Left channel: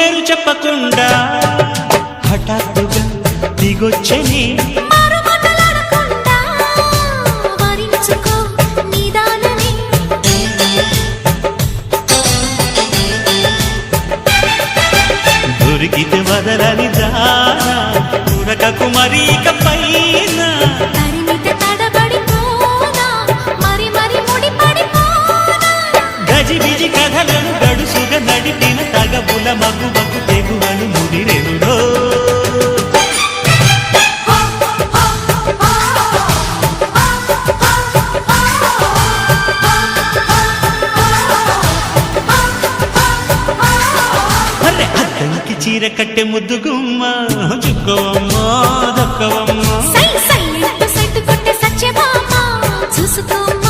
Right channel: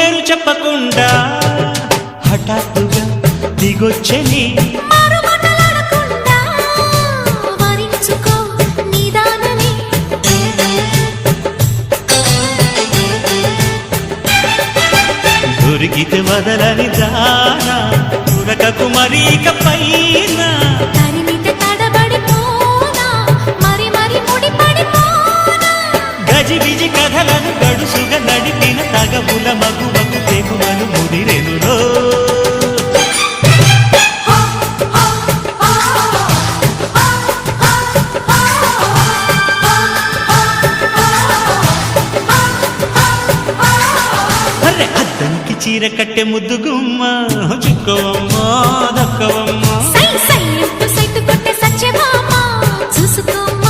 పేరు చెప్పకుండా హఠాత్తుగా దిగొచ్చని దొరికితే వదలని దానా ఉరకకు మరీక పైన తరిమితే తడబడిపోనా మరి మరి ముడిపడిపోనా గజిబిజి కథలను గడుసుగా నడిపిన తగవుల మగువకు తెగువలు ముదిరెనురో అద్దంకి చీర కట్టె ముద్దుగుమ్మ చుక్కవమ్మా దక్కవమ్మా సై సై సైటు కొట్టే సత్యభామ చూసుకోమ్మా